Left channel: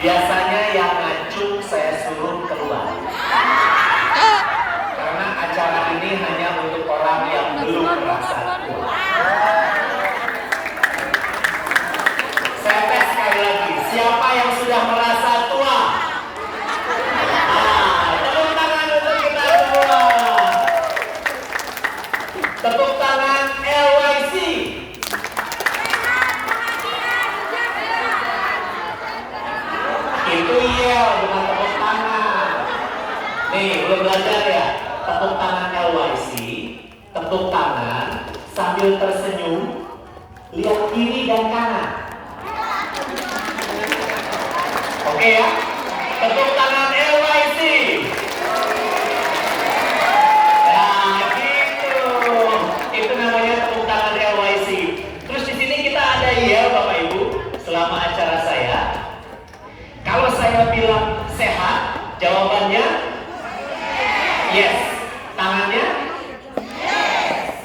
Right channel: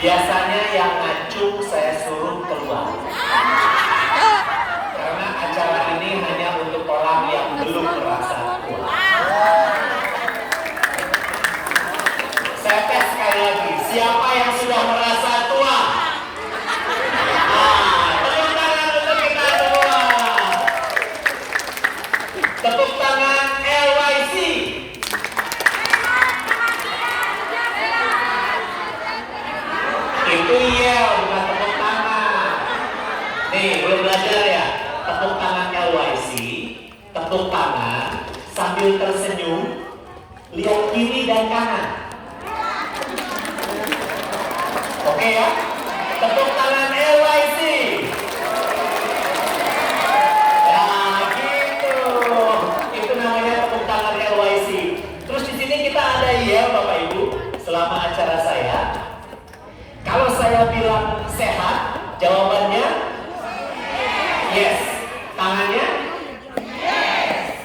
Biasanya yang ngacung saya suruh keluar. Karena acara ini hanya untuk orang yang belum merasa tua. Saya tes sekali lagi, siapa yang sudah merasa tua? Tepuk tangan untuk kita semua. Tepuk tangan LYC. Itu iya, bukan tepuk tangan. Nih, belum belajar ya? Tepuk tangan LYC, tepuk tangan sambil tersenyum, lihat kiri dan kanan. Oke ya? Tepuk tangan LYC. Nah, gitu. Itu namanya tepuk tangan LYC. Terus di sini kita ada ya Bapak Ibu, selama acara saya. Kalau saya bilang sehat, jawabannya yes. Tangannya yes.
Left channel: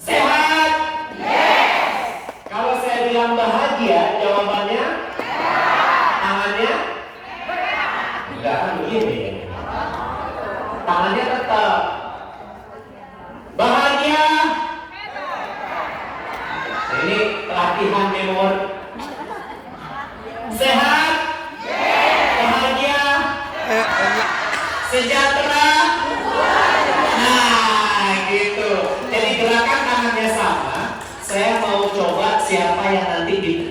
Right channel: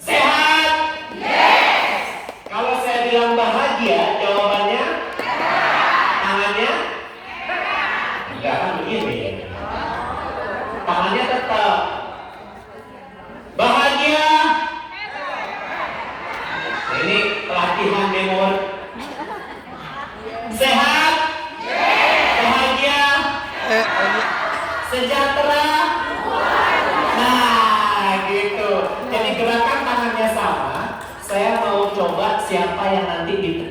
Sehat yes. Kalau saya bilang bahagia, jawabannya tangannya enggak kan begini. Tangannya tetap bahagia. Nah, ini latihan memori. Sehat, bahagia, sejahtera. Nah, gitu. Jadi gerakan tangannya sama. Saya mau coba siapa yang nanti di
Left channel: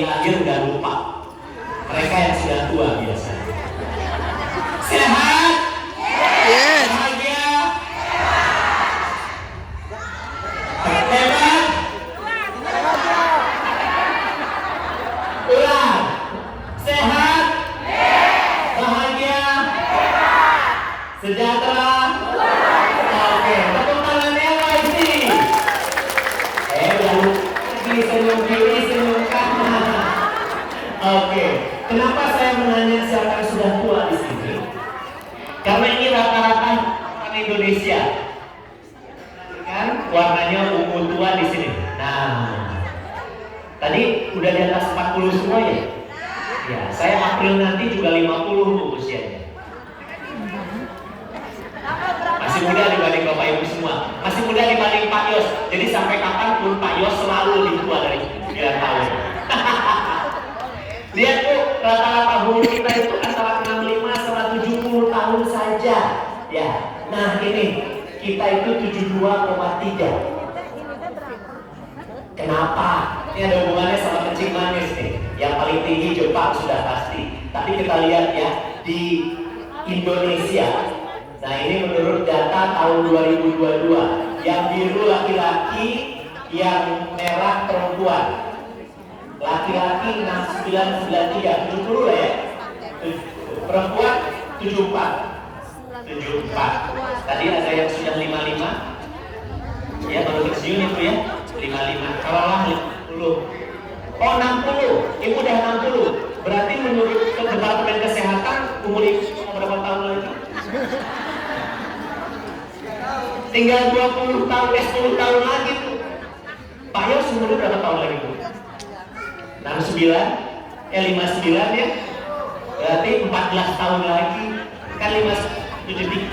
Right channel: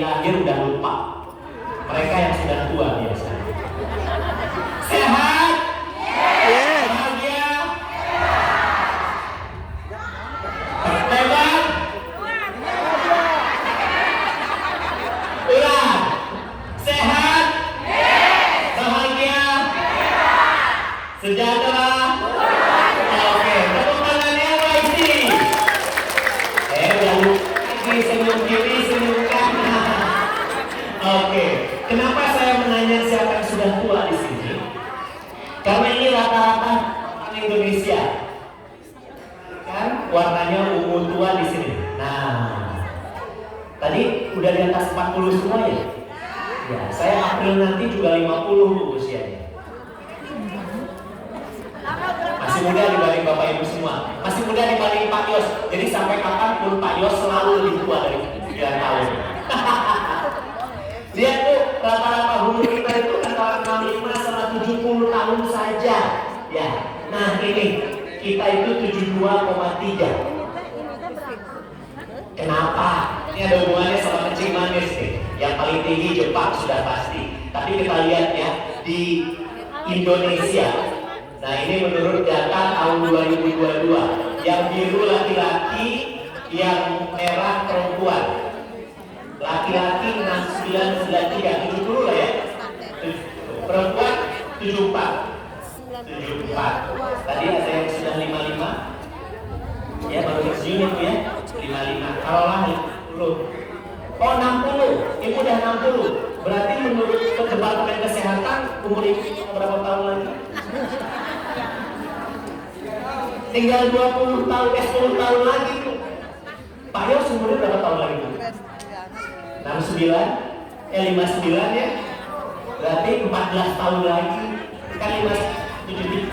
akhir udah lupa. Mereka yang sudah tua biasanya. Sehat, Yes. bahagia, lebar, ulang. Sehat, bahagia, sejahtera. Oke, tepuk tangan LYC. Lalu senyum kiri, senyum kanan. Oke, kenapa saya menanya siapa yang sudah tua di sini? Karena ini rata-rata orang Indonesia. Kan warnanya ungu tua di sini. Nah, tadi udah di atas 40 semua ya? Ya, saya April nanti juga 50 Bu usianya. Masih muda dibanding Bapak Ibu semua. Masih muda dibanding Pak Yos. Jadi sampai kapanpun Pak Yos selalu lebih tua dari 9 tahun. Lihat Bu, rata-rata umur kita itu antara 65 sama 70 tahun saja. Ya, nah ini kita itu 72,3. Kenapa? Ini ada hubungannya sama kencing manis nih. Yang paling tinggi Jepang sudah pasti. Tapi kita lihat ya di Indonesia. Nah ini menurut data tahun 2022. Yang biru laki-laki, yang merah perempuan. Laki-laki 6993, 70 lah ya. Perempuan 74. 74. Tadi ada yang sudah 55. Ya kalau pensiun itu ya 55. Kalau lahir dulu. Oh 60. Ibu udah 60. Berarti menurut Departemen Kesehatan umur ibu berapa tahun lagi? Tinggal 20 tahun, 10 tahun lagi tuh. Pak Yos umurnya berapa tahun lagi Bu? 69, 59 ya. Berarti 14 tahun lagi. Kan 73.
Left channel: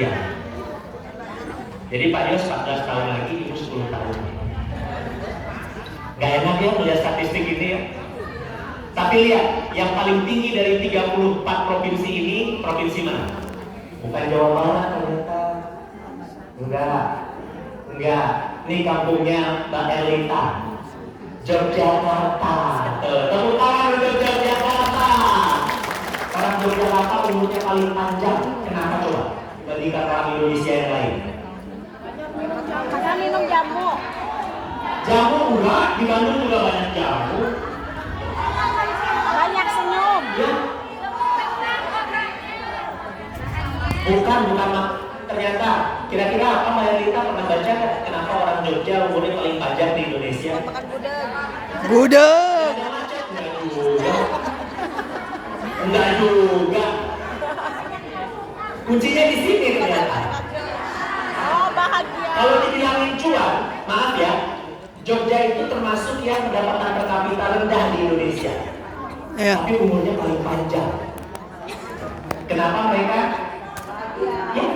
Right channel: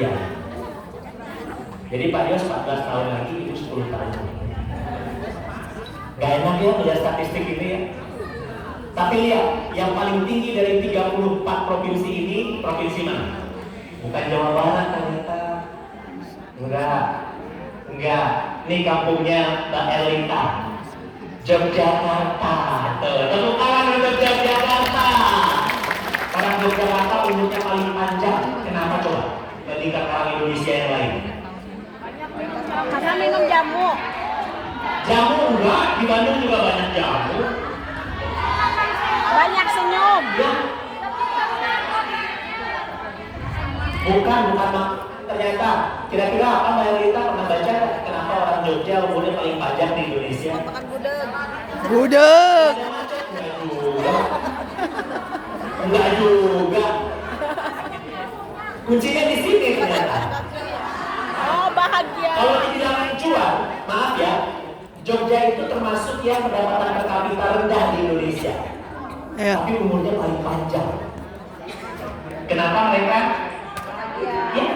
Iya. Jadi Pak Yos 14 tahun lagi, Ibu 10 tahun. Gak enak ya melihat statistik ini ya. Tapi lihat, yang paling tinggi dari 34 provinsi ini, provinsi mana? Bukan Jawa Barat ternyata. Enggak. Ini kampungnya Mbak Elita. Yogyakarta. Tepuk tangan untuk Yogyakarta. Orang Yogyakarta umurnya paling panjang. Kenapa coba? Dibandingkan orang Indonesia yang lain. Karena minum jamu. Jamu enggak, di Bandung juga banyak jamu. Banyak senyum. Ya. Bukan. Ternyata, kira-kira apa Mbak Elita pernah baca kenapa orang Jogja umurnya paling panjang di Indonesia? Makan gudeg. Gudeg. Enggak juga. Kuncinya di sini ternyata. Oh, bahagia. Kalau dibilangin cuan, maaf ya, Jogja itu termasuk yang pendapatan per kapita rendah di Indonesia. Ya. tapi umurnya paling panjang. Kenapa mereka? Ya,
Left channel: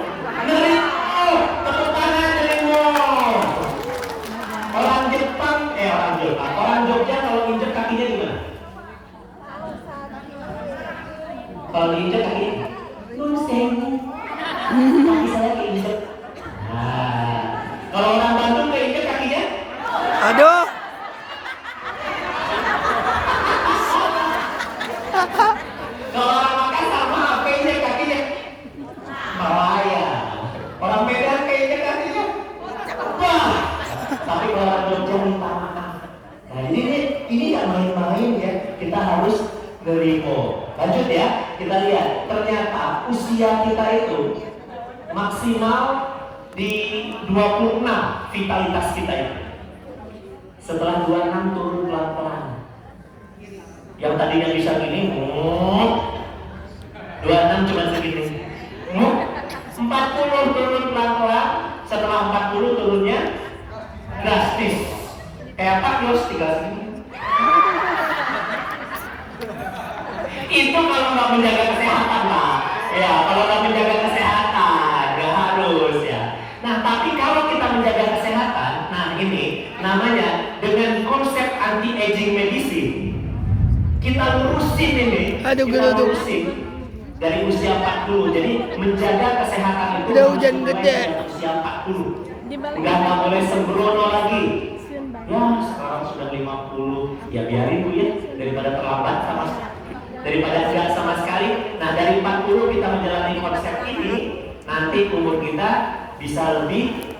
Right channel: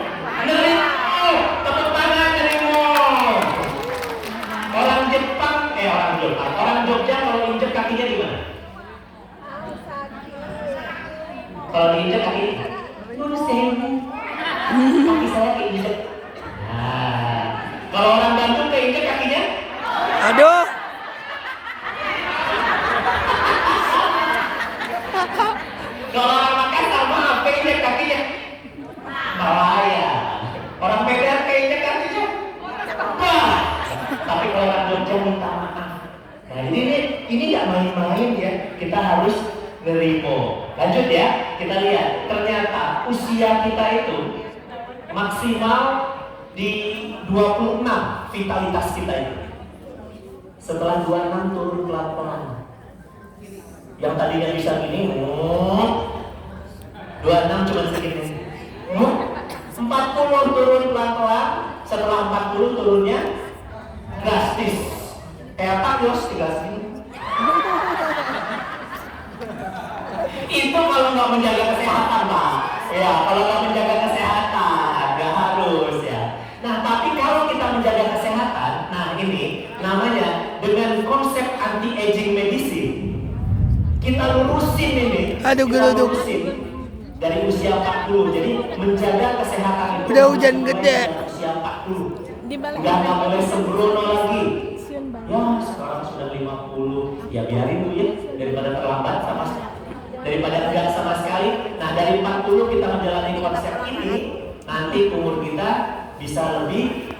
Nerimo, tepuk tangan Nerimo. Orang Jogja kalau injek kakinya gimana? Kalau injek kakinya, nun sewu, kaki saya keinjek. Nah, kalau orang Bandung keinjek kakinya, Aduh. kalau orang Makassar mah keinjek kakinya, bahaya. Orang Medan keinjek kakinya, wah. Tapi kalau orang Jogja minta maaf. Nah ini nggak main-main ya. Kita harus nerimo. Lanjut ya, kita lihat. Ternyata usia kita itu maksimal di 26 vitalitas kita itu. Setelah 26 turun pelan-pelan. Yang tadinya bisa gini, 26 cuma segini. 40 turun pelan-pelan. Setelah 40 turunnya drastis. Kayak Pak Yos tinggal segini. Itu kalau nggak menjaga kesehatan lah. Ya, kalau nggak menjaga kesehatan, nggak harus ya. Nah, tapi kalau kita menjaga kesehatan, nah ini namanya dengan konsep anti-aging medicine. Kita lurusin ini. Aduh, kita gelutuk. lurusin dari usia 40. Jadi menjaga kesehatan itu Udah hujan harus gede. mulai dari usia 40. Nggak boleh sembrono lagi. Ya, sekarang sudah 50. Ya biarin dulu ya, daripada terlambat daripada tidak sama sekali. Nah, dari 40 kita menjalani konsep ini, nanti umur kita bisa lebih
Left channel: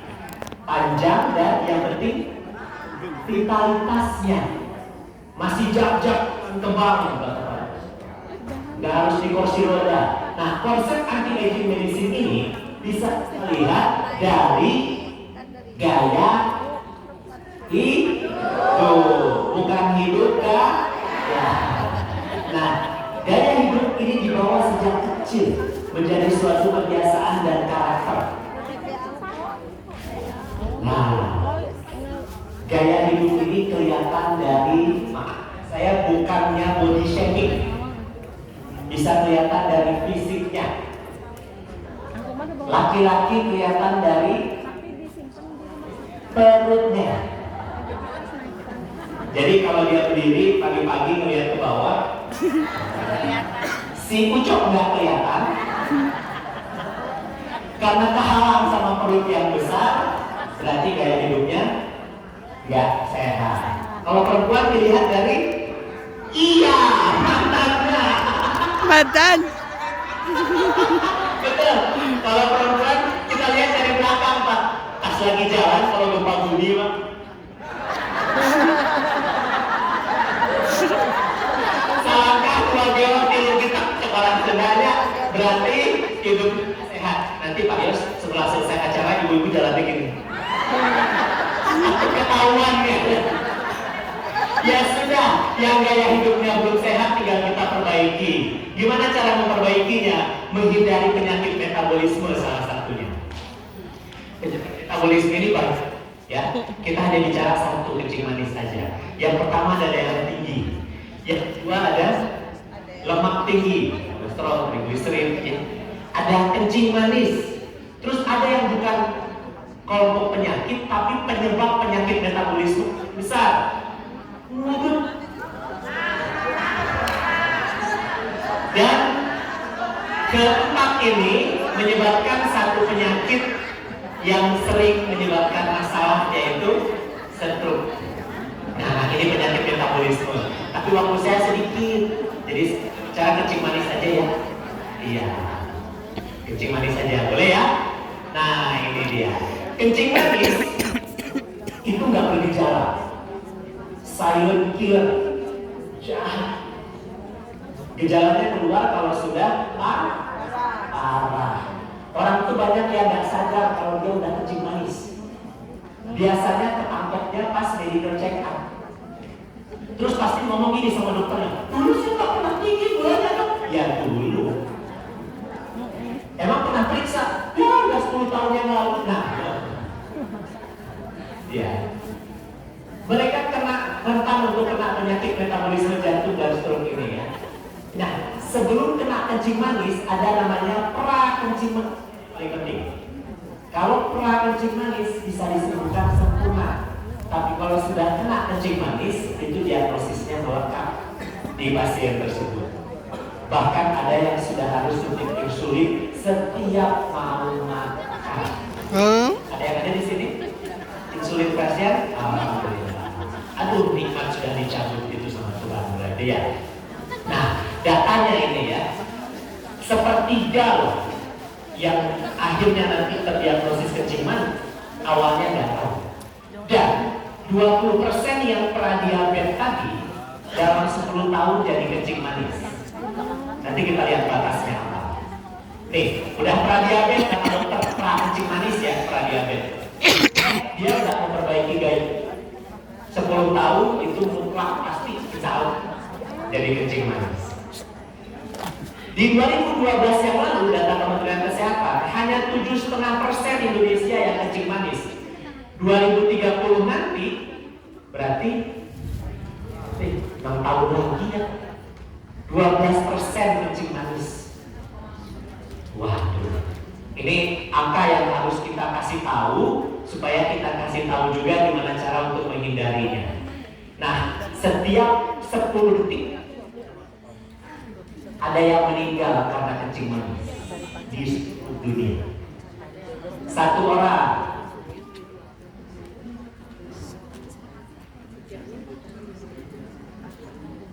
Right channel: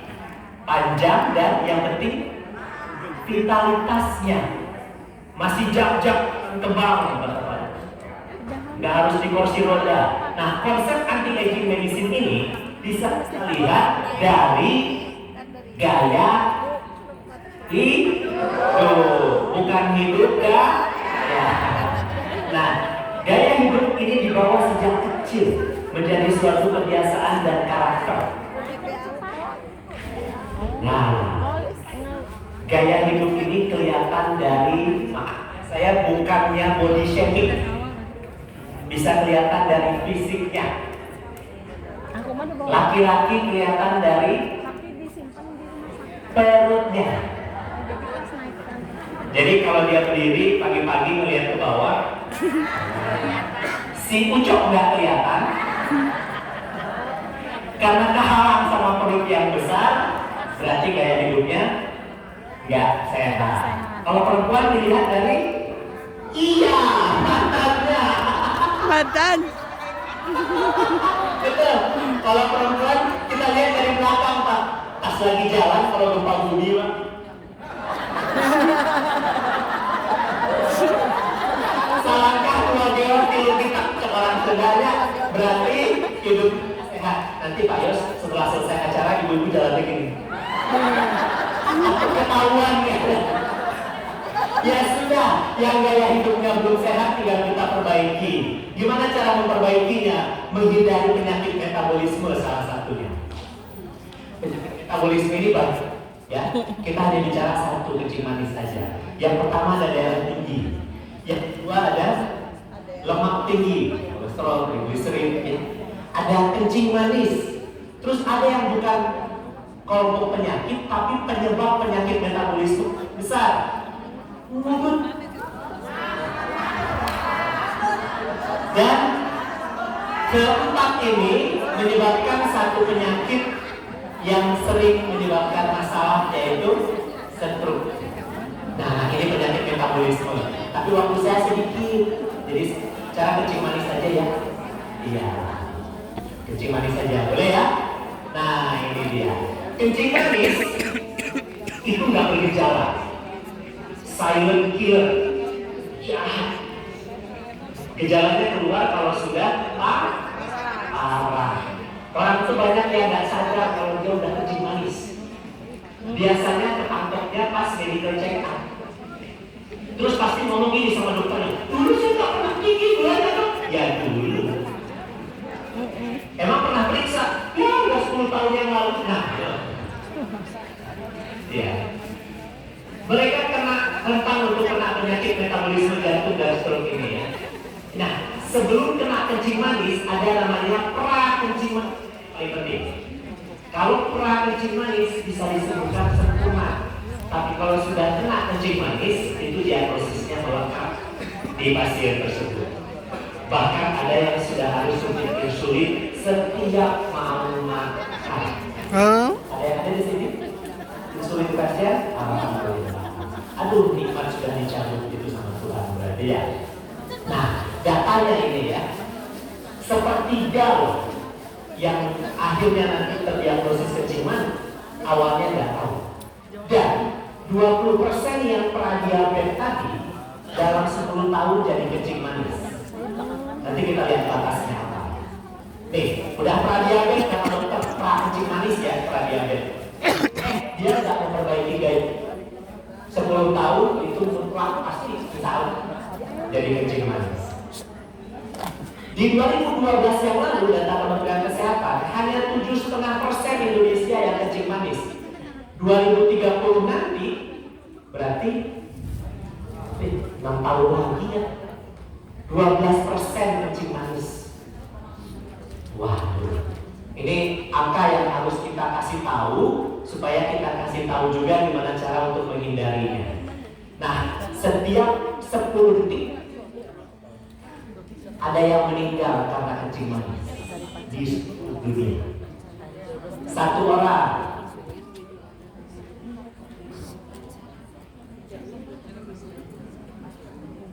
panjang dan yang penting vitalitasnya masih jak-jak tebal, nggak harus di kursi roda. Nah, konsep anti-aging medicine ini bisa kita lihat dari gaya hidup, bukan hidup gaya. Nah, gaya hidup ini dibawa sejak kecil menjadi suatu kebiasaan dan karakter. Nah, gaya hidup ini kelihatan dari, saya bukannya body shaming, bisa kelihatan dari fisiknya. Laki-laki kelihatan dari perutnya. Jadi kalau dia berdiri pagi-pagi melihat ke bawah, si ucok nggak kelihatan karena kehalang sama perut yang besar, berarti gaya hidupnya nggak sehat. Kalau perempuan dilihat dari mantannya. Mantan. Betul. Kalau perempuan kita lihat dari belakang Pak. Pas lagi jalan kalau gempa bumi Pak. Salahkah keluarga film kita sekarang sebenarnya berarti hidup sehat. Nanti Pak Yos setelah selesai acara ibu-ibu jalan begini. Ketahuan ya. Ya sudah, yang gaya hidupnya belum sehat tinggal kita perbaiki. Gimana cara memperbaikinya? Menghindari penyakit metabolisme salah satunya. Penyakit metabolisme ini banyak, ya. Kita hanya bicara satu, kencing manis saja. Yang pertama ada darah tinggi, yang kedua ada lemak tinggi, kolesterol, triglycerid, ya. Ada kencing manis. Terus ada yang bukan kelompok penyakit, tapi penyebab penyakit metabolisme besar. Dan keempat ini menyebabkan satu penyakit yang sering menyebabkan masalah, yaitu stroke. Nah, ini penyakit metabolisme. Tapi waktu saya sedikit, jadi cara kencing manis saja ya. Iya, kencing manis saja, boleh ya? Nah, ini dia. Kencing manis itu nggak bergejala. Silent killer, jahat. Gejalanya keluar kalau sudah parah. Orang itu banyak yang nggak sadar kalau dia udah kencing manis. Biasanya ketangkepnya pas medical check up. Terus pasti ngomong gini sama dokternya, dulu suka pernah tinggi gulanya kan? Ya dulu. Emang pernah periksa? Ya udah 10 tahun yang lalu. Nah, ya. Mereka kena rentan untuk kena penyakit metabolisme jantung dan kolesterol ini ya. Nah, sebelum kena kencing manis ada namanya pra kencing manis. Paling penting. Kalau pra kencing manis bisa disebutkan sempurna. Tapi kalau sudah kena kencing manis itu diagnosisnya melengkap di pasien tersebut. Bahkan ada yang sudah harus suntik insulin setiap mau makan. Ada yang ada di sini? Insulin pasien? Alhamdulillah. Aduh, nikmat sudah dicabut itu sama Tuhan berarti ya. Nah, datanya ini ya, sepertiga loh yang akhirnya nanti terdiagnosis kencing manis awalnya nggak tahu. Dan 20% yang pradiabetes tadi dalam 10 tahun jadi kencing manis. Nanti kita lihat batasnya apa. Nih, udah pradiabetes karena dokter kencing manis ya pradiabetes. Dia udah memperbaiki gaya. 10 tahun itu mutlak pasti bisa jadi kencing manis. Di 2012 yang lalu data Kementerian Kesehatan hanya 7,5% Indonesia yang kencing manis. 2030 nanti berarti 6 tahun lagi ya 12% kencing manis. Waduh, ini angka yang harus kita kasih tahu supaya kita kasih tahu juga gimana cara untuk menghindarinya. Nah, setiap 10 detik ada yang meninggal karena kencing manis di dunia. 1 orang.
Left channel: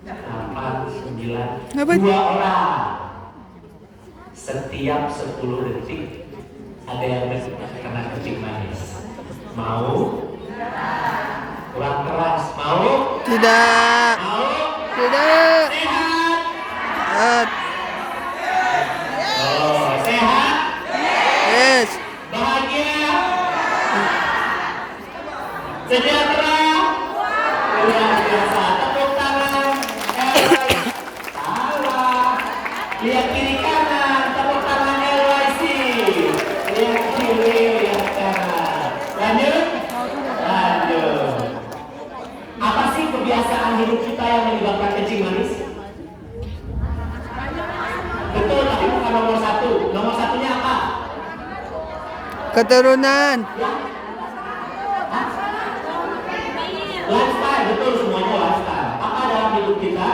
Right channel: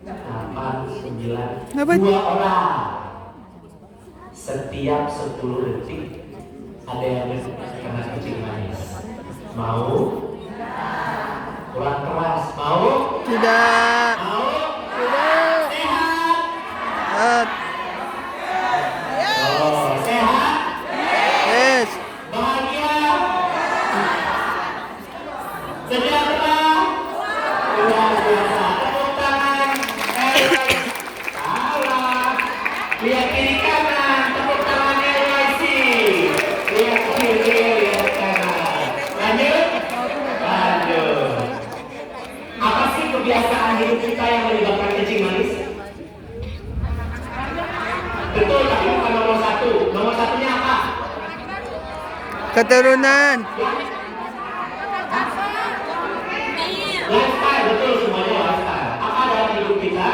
8, 9, 2 orang. Setiap 10 detik ada yang kena kencing manis. Mau? Kurang keras. Mau? Tidak. Mau? Tidak. Sehat? Oh, sehat? Yes. Bahagia? Sejahtera? Luar biasa. Tepuk tangan. Salah. Lihat kiri kanan. Tepuk tangan LYC. Lihat kiri, lihat kanan. Lanjut? Lanjut. Apa sih kebiasaan hidup kita yang menyebabkan kencing manis? Betul, tapi bukan nomor 1. Nomor 1-nya apa? Keturunan. Lifestyle, betul semuanya lifestyle. Apa dalam hidup kita?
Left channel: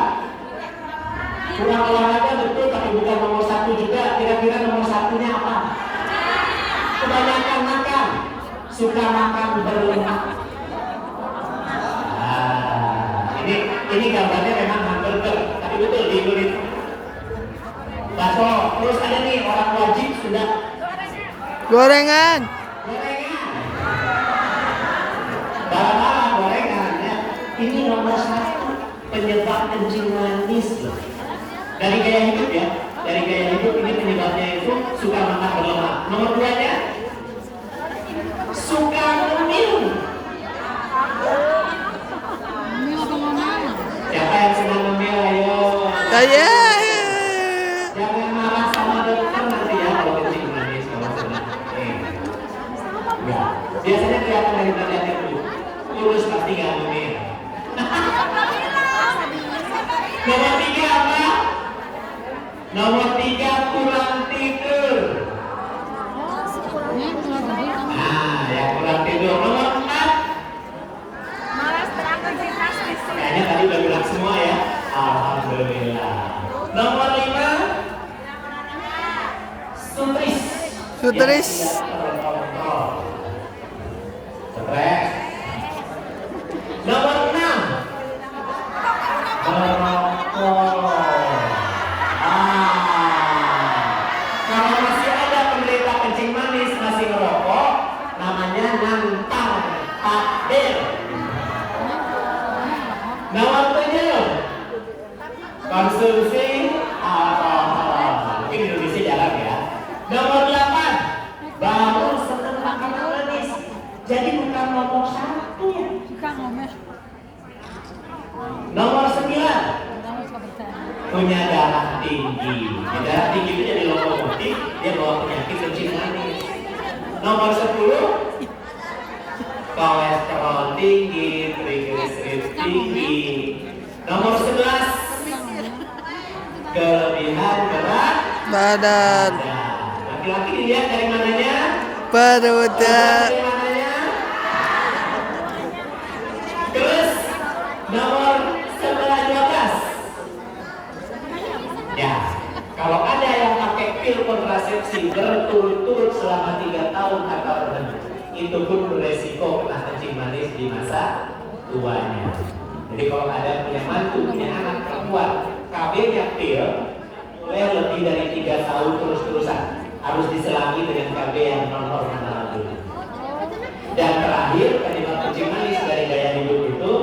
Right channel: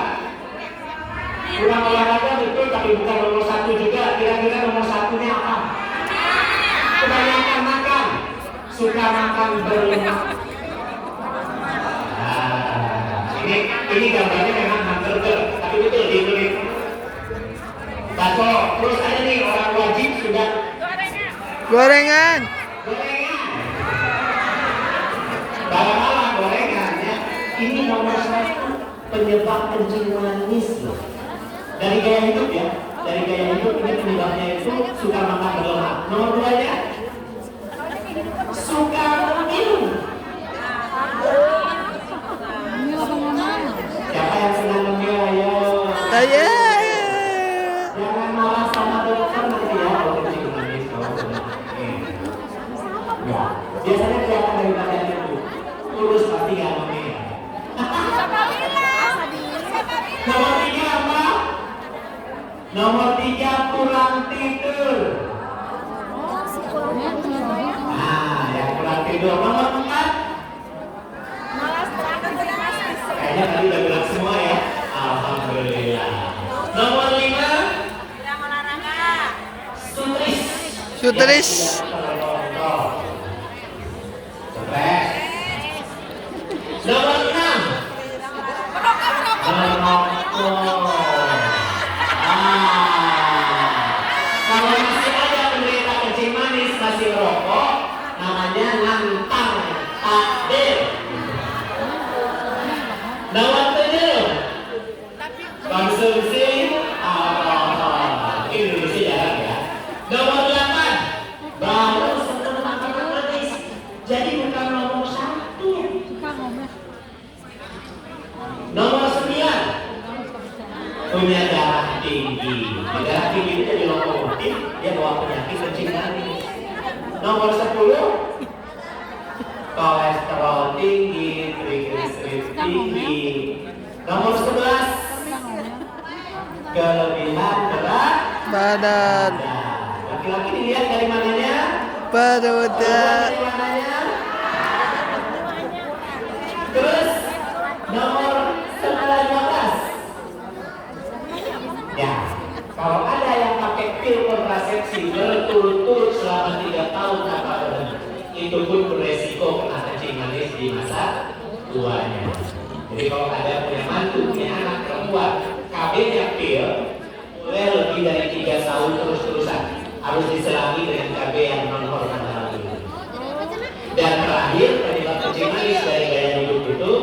Kurang olahraga betul, tapi bukan nomor 1 juga. Kira-kira nomor 1-nya apa? Kebanyakan makan. Suka makan berlemak. Ini gambarnya memang hamburger, tapi betul di Indonesia. Bakso, terus ada nih orang wajib sudah Gorengan. Bagaimana gorengan ya? Ini nomor 1 penyebab kencing manis loh. Dari gaya hidup ya, dari gaya hidup ini penyebabnya itu suka makan berlemak. Nomor 2-nya suka minum. Siapa yang senang ngemil ayo? Saya. Jangan marah sama dokter nanti ya kalau kencing manis kalau sudah. Ya, biasanya kelihatan dari badan itu. Kurus pasti nggak ngemil. Nomor 3 apa? Nomor 3 kurang tidur. Nah, ya kurang tidur. Nomor 4 kayaknya tadi udah bilang semua ya. Alhamdulillah. Nomor 5 sutris. Sutris. Stres. Nomor 6 merokok. Kalau masih ada penderita kencing manis masih merokok, namanya nantang takdir. Nomor 7 konsumsi alkohol. Mungkin Indonesia jarang ya. Nomor 8 baru senang makan manis. Jadi bukan nomor 1 ya. Nomor 9 punya darah tinggi. Darah tinggi itu jadi lokomotif, dia bawa penyakit kencing manis. Nomor 10 kolesterol tinggi, triglycerid tinggi. Nomor 11 Badan. Laki-laki dilihat dari mananya? Perutnya. Dari mananya? Terus nomor setelah 12. Ya, kalau ada yang pakai pil kontrasepsi berturut-turut selama 3 tahun tanpa berhenti, itu pun beresiko kena kencing manis di masa tuanya. Jadi kalau ada punya mantu, punya anak perempuan, KB-nya pil, mulai lebih dari 3 tahun terus-terusan harus diselangi dengan KB yang non hormonal dulu. Dan terakhir, penyebab kencing manis dari gaya hidup itu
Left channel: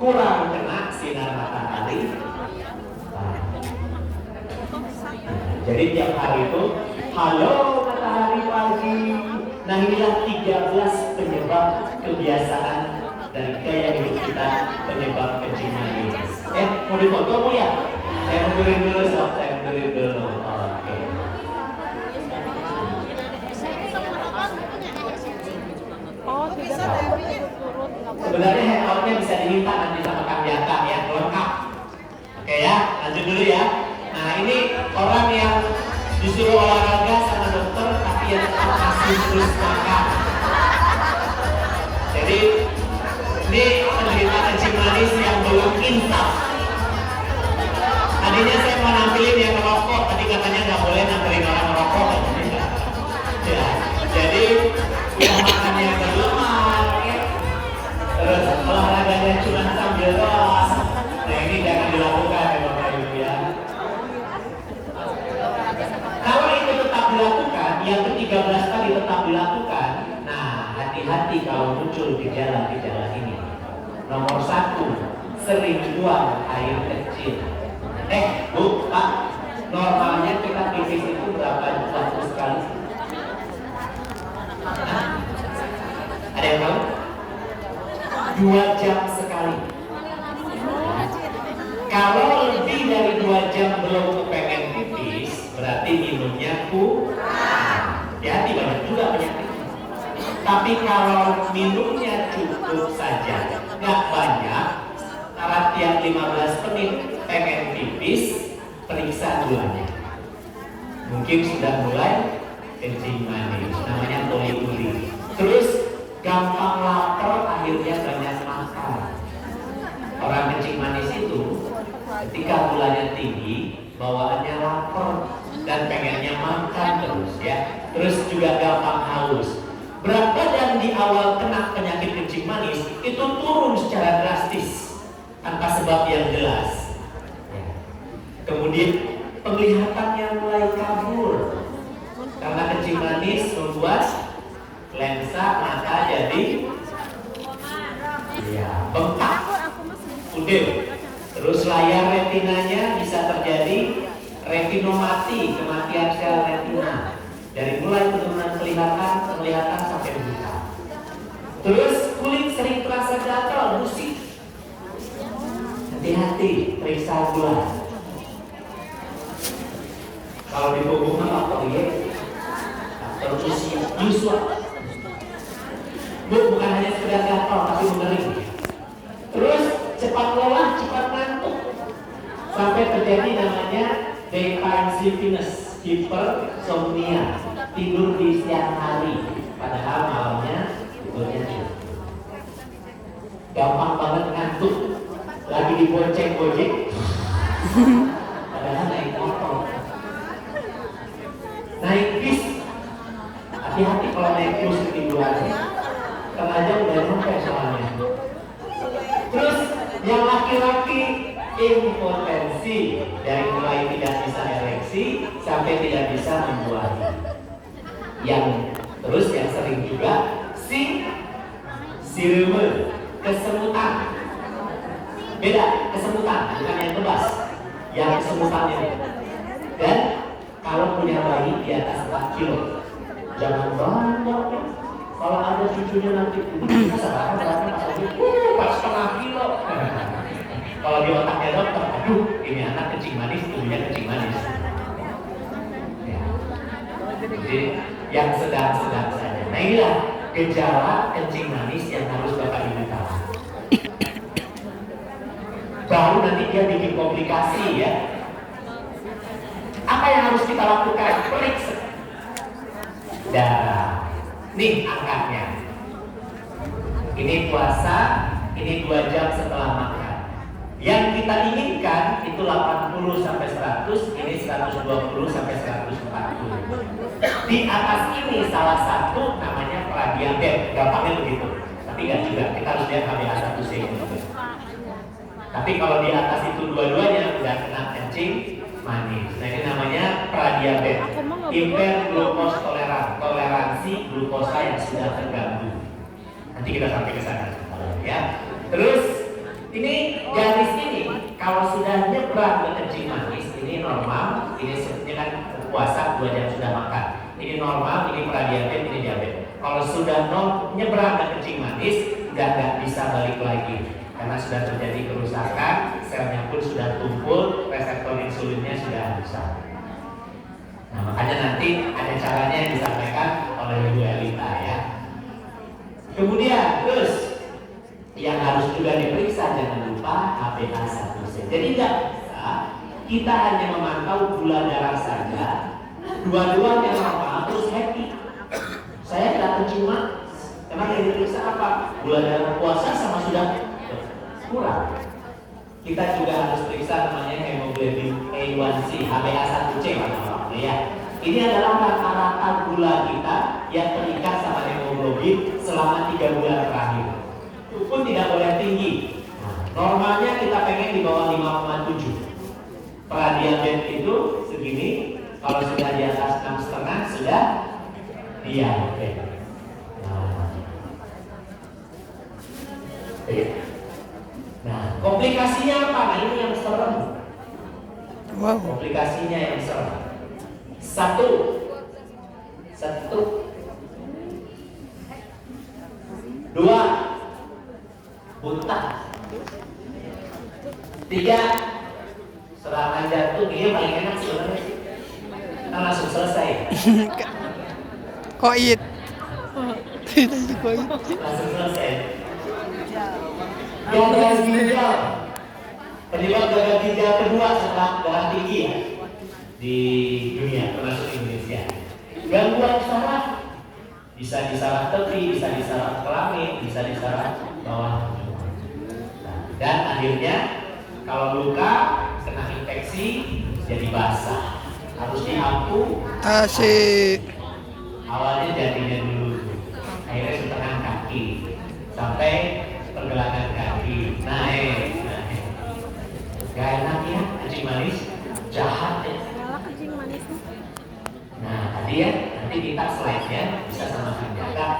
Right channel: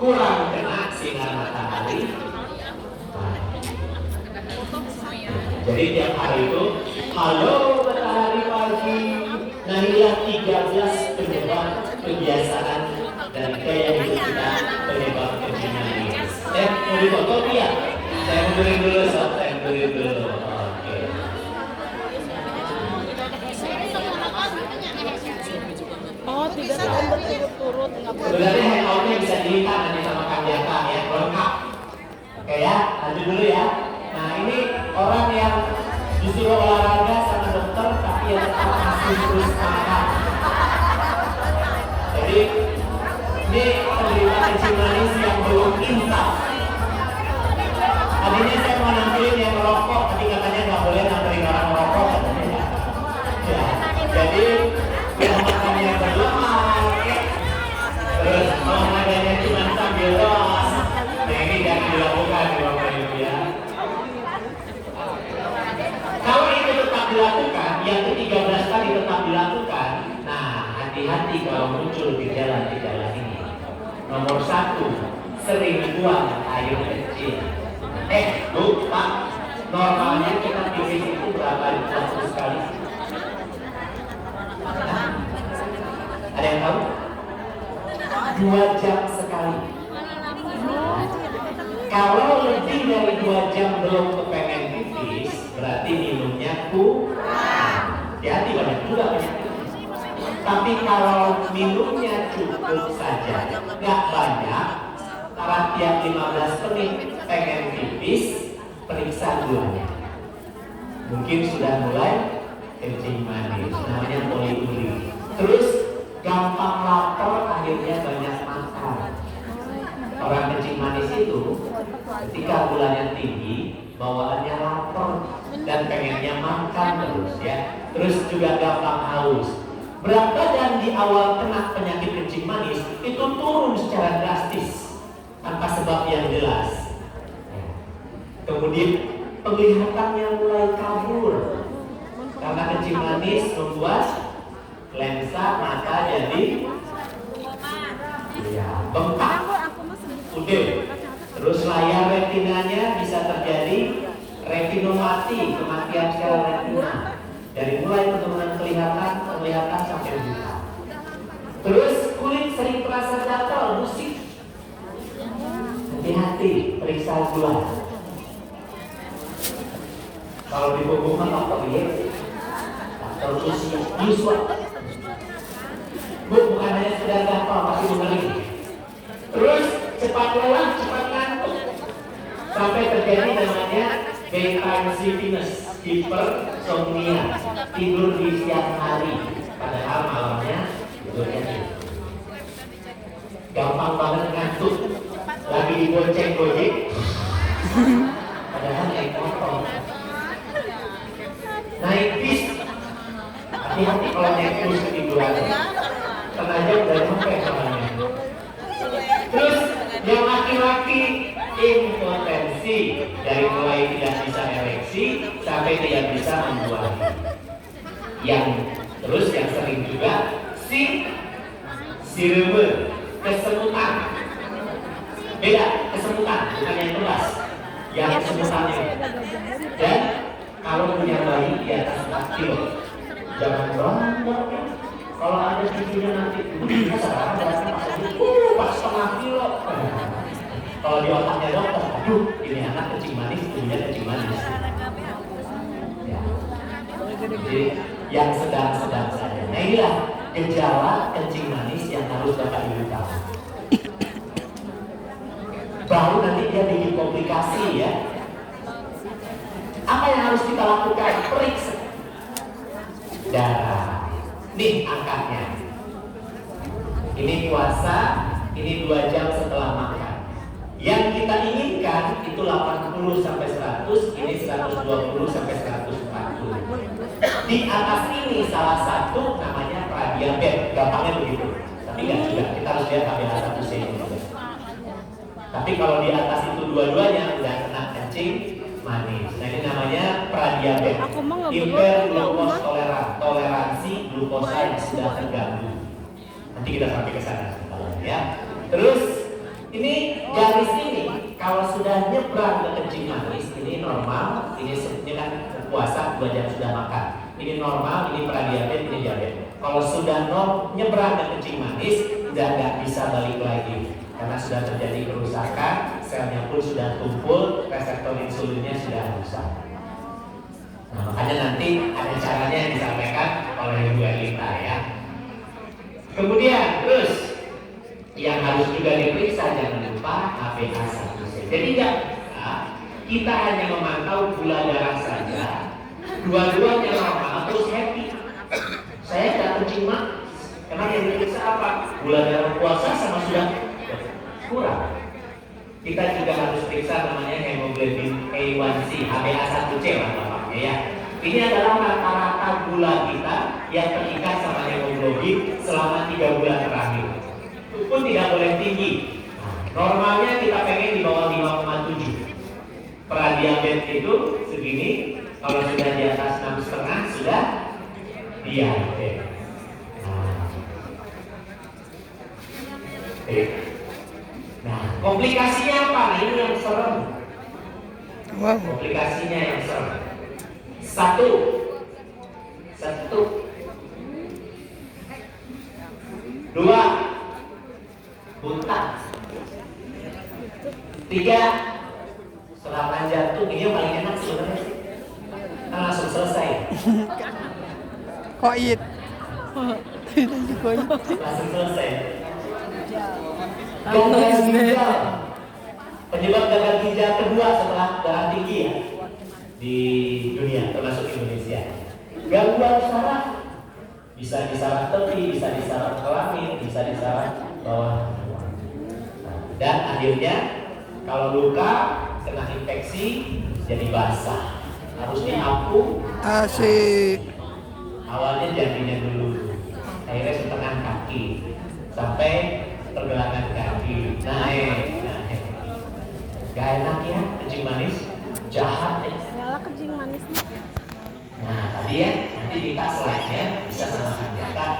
kurang kena sinar matahari. Jadi tiap hari itu, halo matahari pagi. Nah inilah 13 penyebab kebiasaan dan gaya hidup kita penyebab kencing manis. Mau dipotong ya? Saya mundurin dulu, saya mundurin dulu. Oke. Oh, 3 tahun berturut-turut. Sebenarnya hangoutnya bisa dilipat nanti sama Kang Yata ya, lengkap. Oke ya, lanjut dulu ya. Nah ini orang yang disuruh olahraga sama dokter tapi yang tetap masih terus makan. Jadi ini penderita kencing manis yang belum insaf. Tadinya saya mau nampilin yang merokok, tapi katanya nggak boleh nampilin orang merokok. Ya, jadi yang makannya berlemak, terus olahraganya cuma sambil doang. Nah ini jangan dilakukan ya Bapak Ibu ya. Kalau itu tetap dilakukan, yang ke-13 tadi tetap dilakukan, nah hati-hati kalau muncul gejala-gejala ini. Nomor 1, sering buang air kecil. Bu, Pak, normalnya kita pipis itu berapa waktu sekali? Ada yang tahu? 2 jam sekali. Kalau lebih dari 2 jam belum kepengen pipis, berarti minumnya kurang. Hati banyak juga penyakit. Tapi kalau minumnya cukup saja, nggak banyak, karena tiap 15 menit pengen pipis, periksa gulanya. Mungkin sudah mulai kencing manis, namanya poliuri. Terus gampang lapar, akhirnya banyak makan. Orang kencing manis itu ketika gulanya tinggi, bawaannya lapar dan pengennya makan terus ya. Terus juga gampang haus. Berat badan di awal kena penyakit kencing manis itu turun secara drastis tanpa sebab yang jelas. Ya. Kemudian penglihatannya mulai kabur karena kencing manis membuat lensa mata jadi bengkak, pudar. Terus layar retinanya bisa terjadi retinomati, kematian sel retina. Dari mulai penurunan penglihatan sampai buta. Terus kulit sering terasa gatal, musik. Hati-hati, periksa gula. Kalau di punggung apa ya? Atau usia, Bu, bukan hanya sekedar gatal, tapi mengering. Terus cepat lelah, cepat ngantuk. Sampai terjadi namanya daytime sleepiness, hipersomnia, tidur di siang hari, padahal malamnya tidurnya. Gampang banget ngantuk, lagi dibonceng gojek, padahal naik motor. Naik bis, hati-hati kalau naik bus ketiduran, karena aja udah nyampe soalnya. Terus yang laki-laki impotensi, dari mulai tidak bisa ereksi sampai tidak bisa membuang. Yang terus yang sering juga sirume, kesemutan. Beda, kesemutan bukan yang keras, yang kesemutannya. Dan kalau punya bayi di atas 4 kilo, jangan bangga. Kalau ada cucunya nanti itu bisa sekarang berarti pas 4,5 kilo. Kalau di otaknya dokter, aduh ini anak kencing manis, punya kencing manis. Ya. Jadi yang sedang-sedang saja. Nah inilah gejala kencing manis yang harus Bapak Ibu tahu. Baru nanti dia bikin komplikasi ya. Apa yang harus kita lakukan? Periksa darah. Nih angkanya. Ini puasa, ini 2 jam setelah makan. Yang kita inginkan itu 80 sampai 100, ini 120 sampai 140. Di atas ini salah satu namanya pradiabetes, gampangnya begitu. Tapi nggak juga, kita harus lihat HbA1c ini. Tapi kalau di atas itu dua-duanya udah kena kencing manis. Nah ini namanya pradiabetes, hiperglukos toleransi glukosa yang sudah terganggu. Nanti kita sampai ke sana ya. Terus ini garis ini kalau sudah nyebrang ke kencing manis ini normal, ini kan puasa 2 jam sudah makan. Ini normal, ini pradiabetes, ini diabetes. Kalau sudah nyebrang ke kencing manis, nggak bisa balik lagi karena sudah terjadi kerusakan, selnya pun sudah tumpul, reseptor insulinnya sudah rusak. Nah, makanya nanti ada caranya yang disampaikan oleh Ibu Elita ya. Kemudian terus yang harus juga diperiksa jangan lupa HbA1c. Jadi nggak bisa kita hanya memantau gula darah saja, dua-duanya normal terus happy. Saya nggak kencing manis karena yang diperiksa apa? Gula darah puasa sama sudah kurang. Kita juga harus periksa namanya hemoglobin A1C, HbA1c namanya ya. Ini adalah rata-rata gula kita yang terikat sama hemoglobin selama 3 bulan terakhir. Itu pun tidak boleh tinggi. Normalnya kita pengen di bawah 5,7. Pradiabetes itu segini, kalau sudah di atas 6,5 sudah diabetes. Nah, komplikasinya apa? Nah, ini yang serem. Wow. Komplikasinya yang serem. Satu, dua, buta. 3, serangan jantung. Ini yang paling enak sebenarnya sih. Kan langsung selesai. Koit. Tidak sih koit. Langsung selesai. Gagal ginjal. Penyebab gagal ginjal kedua setelah darah tinggi ya di dunia termasuk Indonesia. Gangguan saraf, bisa di saraf tepi, bisa di saraf kelamin, bisa di saraf bawah. Dan akhirnya kalau luka kena infeksi jadi basah, harus Asik. awalnya jadinya dulu, akhirnya setengah kaki sampai pergelangan kaki naik. Gak enak ya kencing manis, jahat ya. Nah tadi ya, nanti minta slide-nya bisa sama Kak.